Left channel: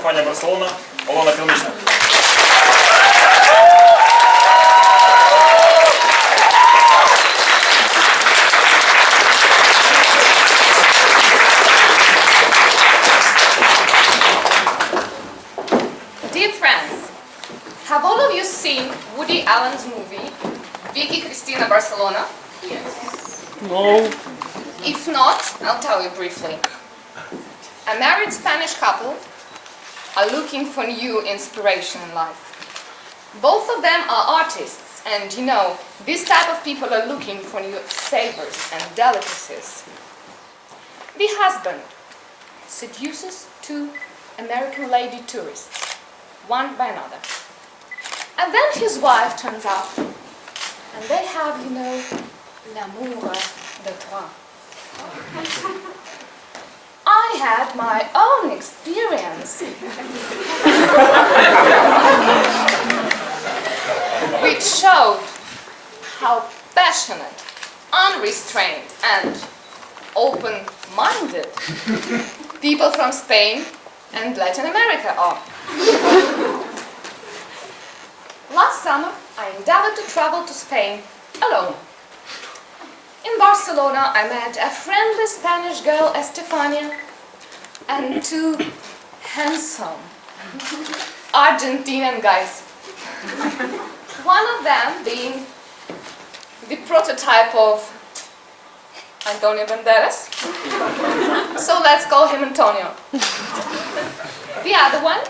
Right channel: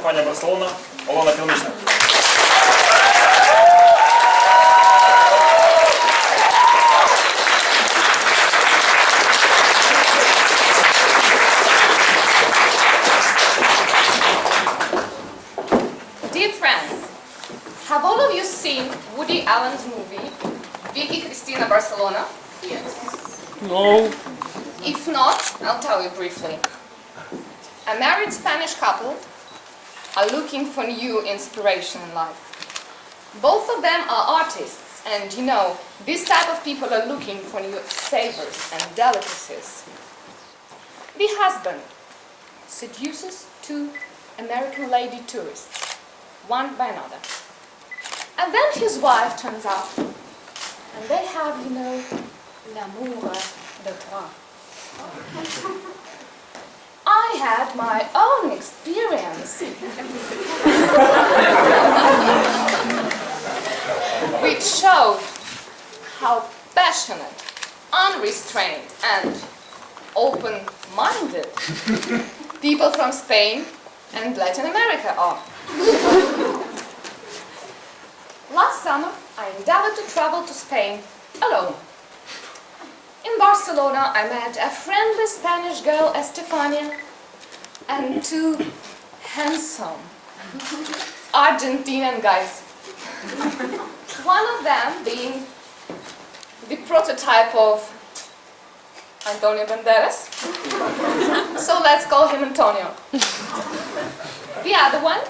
Barcelona, Olena, Krynychna. Dear friends, have all of you seen Woody Allen's movie, Vicky Cristina Barcelona? Yes. No. If not, I'll tell you briefly. A married Spanish couple are looking for new inspiration in life. Both of them are artists, and you know, this type of people are looking for new savors and delicacies. The husband seduces two American lady tourists, one by another. And then his wife turns up, and they have, you know, l'amour de trois. I had my own experience, which showed how passionate, unrestrained, and open-minded people from Spain and Latin America are. Last summer, I endeavored to travel to Spain alone. In Barcelona, I met a friendly Spanish girl, Estefania, and two handsome Argentinian guys. One of them being the prototype of Antonio Banderas, so let's call him Antonio. The other one,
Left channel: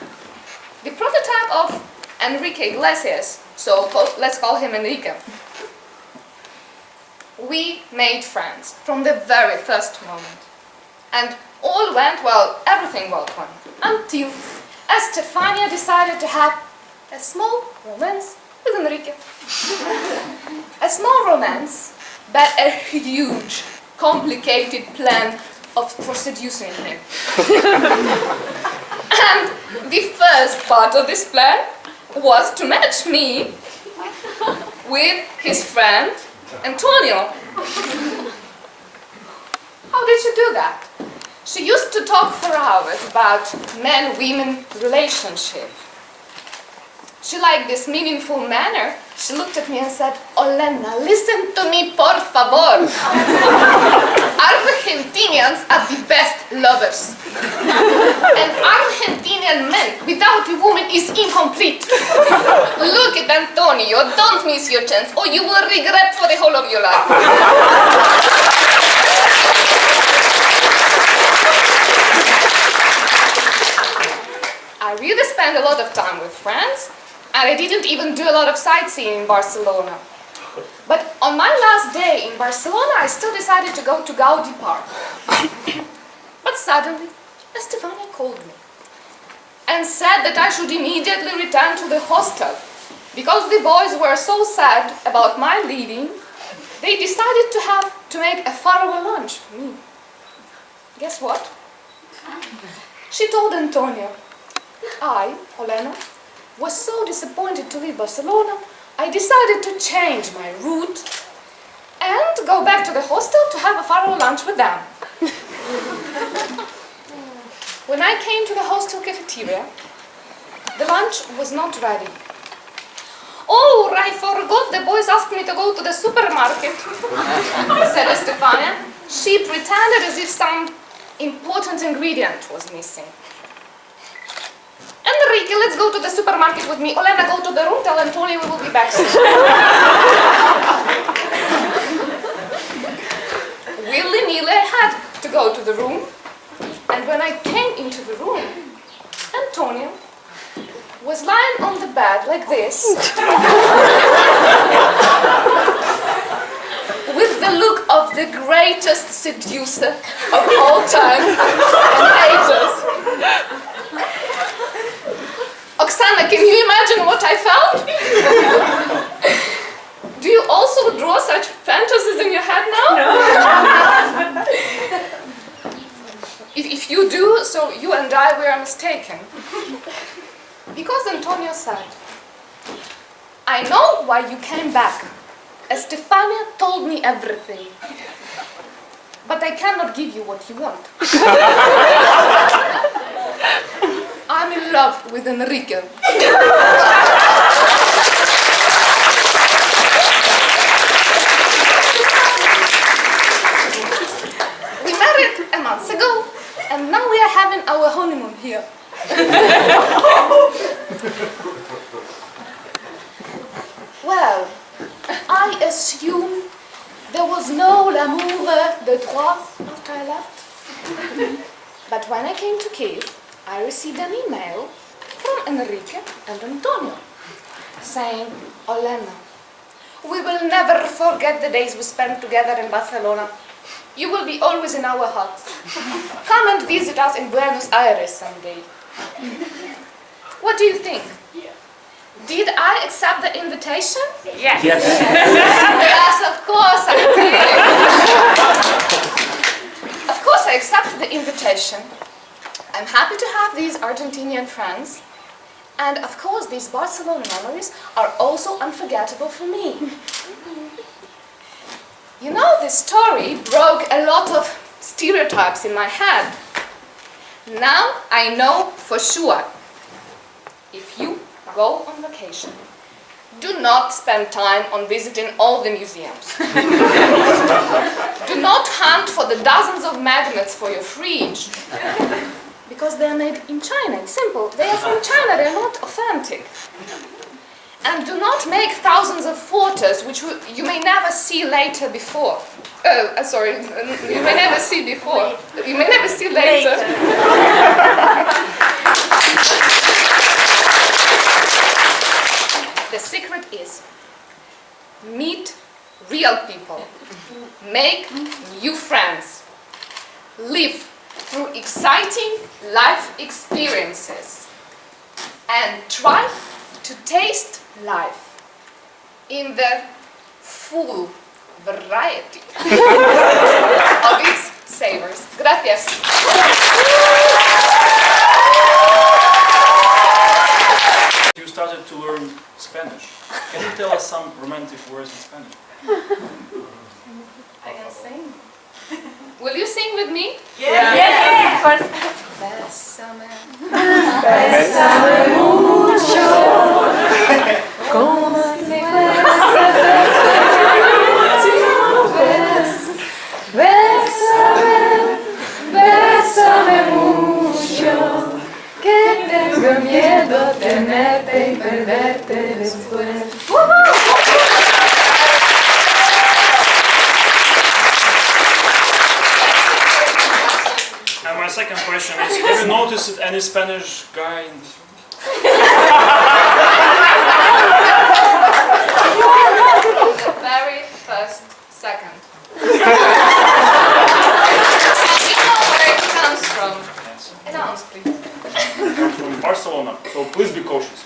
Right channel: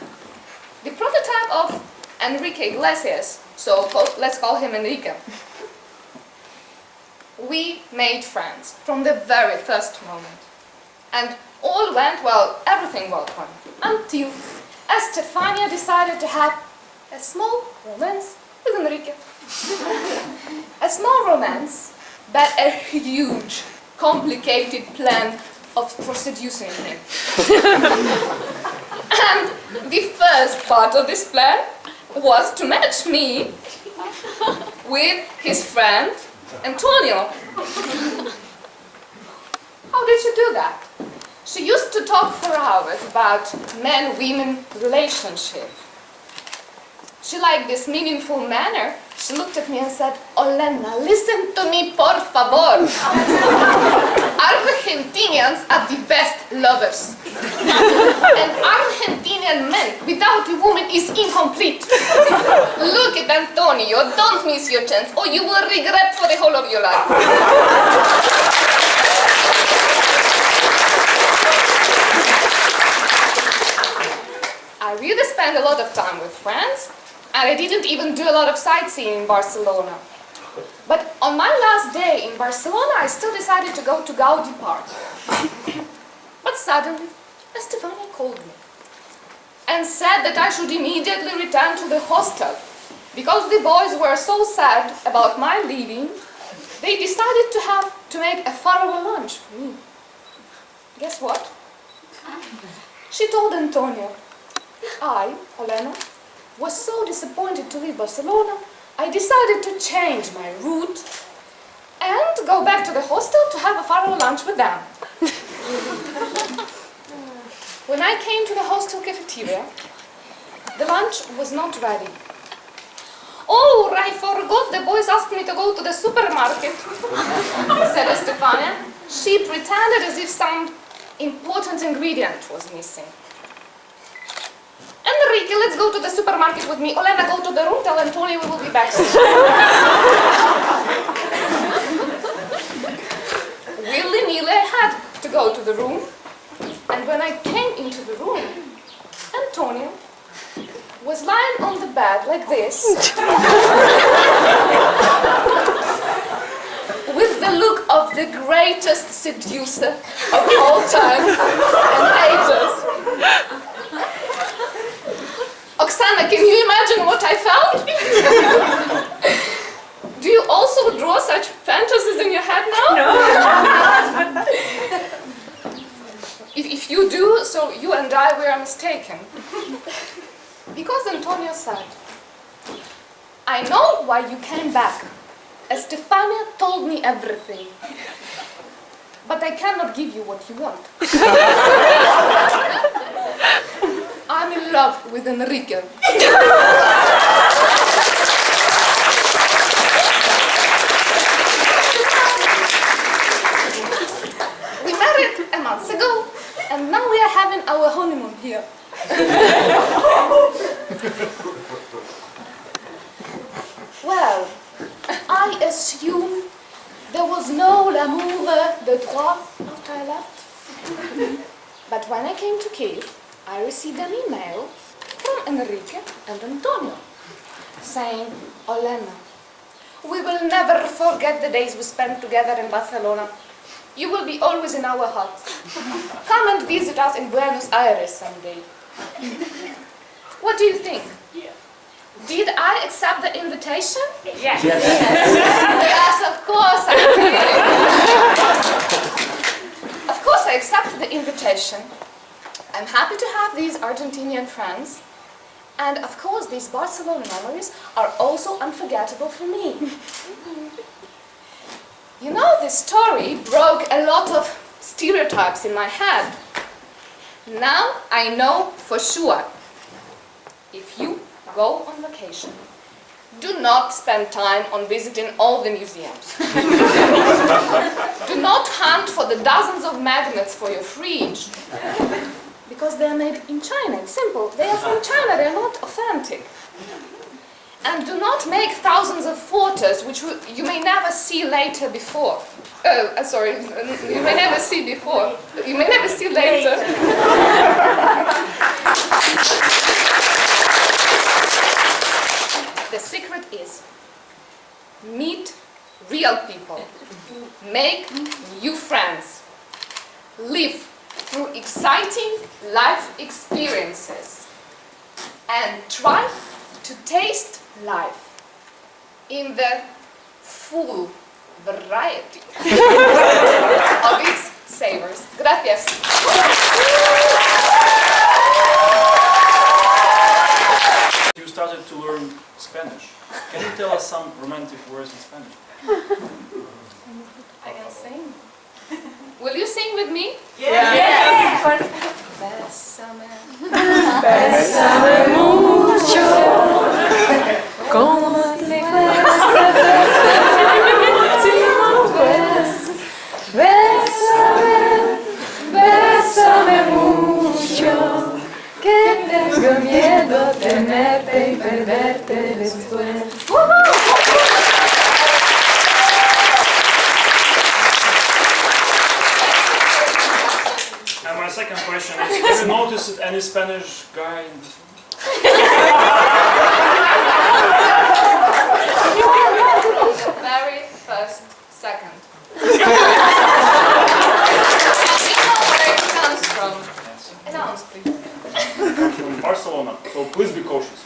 the prototype of Enrique Iglesias, so let's call him Enrique. We made friends from the very first moment. And all went well, everything went well, until Estefania decided to have a small romance with Enrique. A small romance, but a huge, complicated plan for seducing him. And the first part of this plan was to match me with his friend Antonio. How did she do that? She used to talk for hours about man-women relationship. She liked this meaningful manner. She looked at me and said, "Olena, listen to me, por favor. Argentinians are the best lovers. An Argentinian man without a woman is incomplete. Look at Antonio, don't miss your chance, or you will regret for the whole of your life." I really spent a lot of time with friends, and I didn't even do a lot of sightseeing in Barcelona. But on my last day in Barcelona, I still decided to go to Gaudi Park. But suddenly, Estefania called me and said that I should immediately return to the hostel. Because the boys were so sad about my leaving, they decided to make a farewell lunch for me. Guess what? She told Antonio, I, Olena, was so disappointed to leave Barcelona, I decided to change my route and go back to the hostel to have a farewell lunch with them. When I came to the hostel cafeteria, the lunch was not ready. "Oh, I forgot, the boys asked me to go to the supermarket," said Estefania. She pretended as if some important ingredient was missing. "Enrique, let's go to the supermarket with me. Olena, go to the room, tell Antonio we will be back soon." Willy-nilly, I had to go to the room. And when I came into the room, Antonio was lying on the bed like this, with the look of the greatest seducer of all time and ages. Oksana, can you imagine what I felt? Do you also draw such fantasies in your head now? No. If you do, so you and I were mistaken. Because Antonio said, "I know why you came back. Estefania told me everything. But I cannot give you what you want. I'm in love with Enrique. We married a month ago, and now we are having our honeymoon here. Well, I assume there was no l'amour de trois after I left. But when I came to Kyiv, I received an email from Enrique and Antonio saying, Olena, we will never forget the days we spent together in Barcelona. You will be always in our hearts. Come and visit us in Buenos Aires someday. What do you think? Did I accept the invitation? Yes. Yes, of course I did. Of course I accepted the invitation. I'm happy to have these Argentinian friends. And of course these Barcelona memories are also unforgettable for me. You know, this story broke a lot of stereotypes in my head. Now I know for sure, if you go on vacation, do not spend time on visiting all the museums. Do not hunt for the dozens of magnets for your fridge. Because they are made in China, it's simple. They are from China, they are not authentic. And do not make thousands of photos which you may never see later before. Sorry, you may never see before. You may never see later. The secret is meet real people, make new friends, live through exciting life experiences, and try to taste life in the full variety of its savors. Gracias. You started to learn Spanish. Can you tell us some romantic words in Spanish? I can sing. Will you sing with me? Yes. Of course. Bésame. Bésame mucho. Como si fuese última vez. Bésame, bésame mucho. Que tengo miedo tenerte y perderte después. And my second question is, have you noticed any Spanish guy in this room? The very first second. We know where it comes from. Announce, please. From Barcelona, so please be cautious.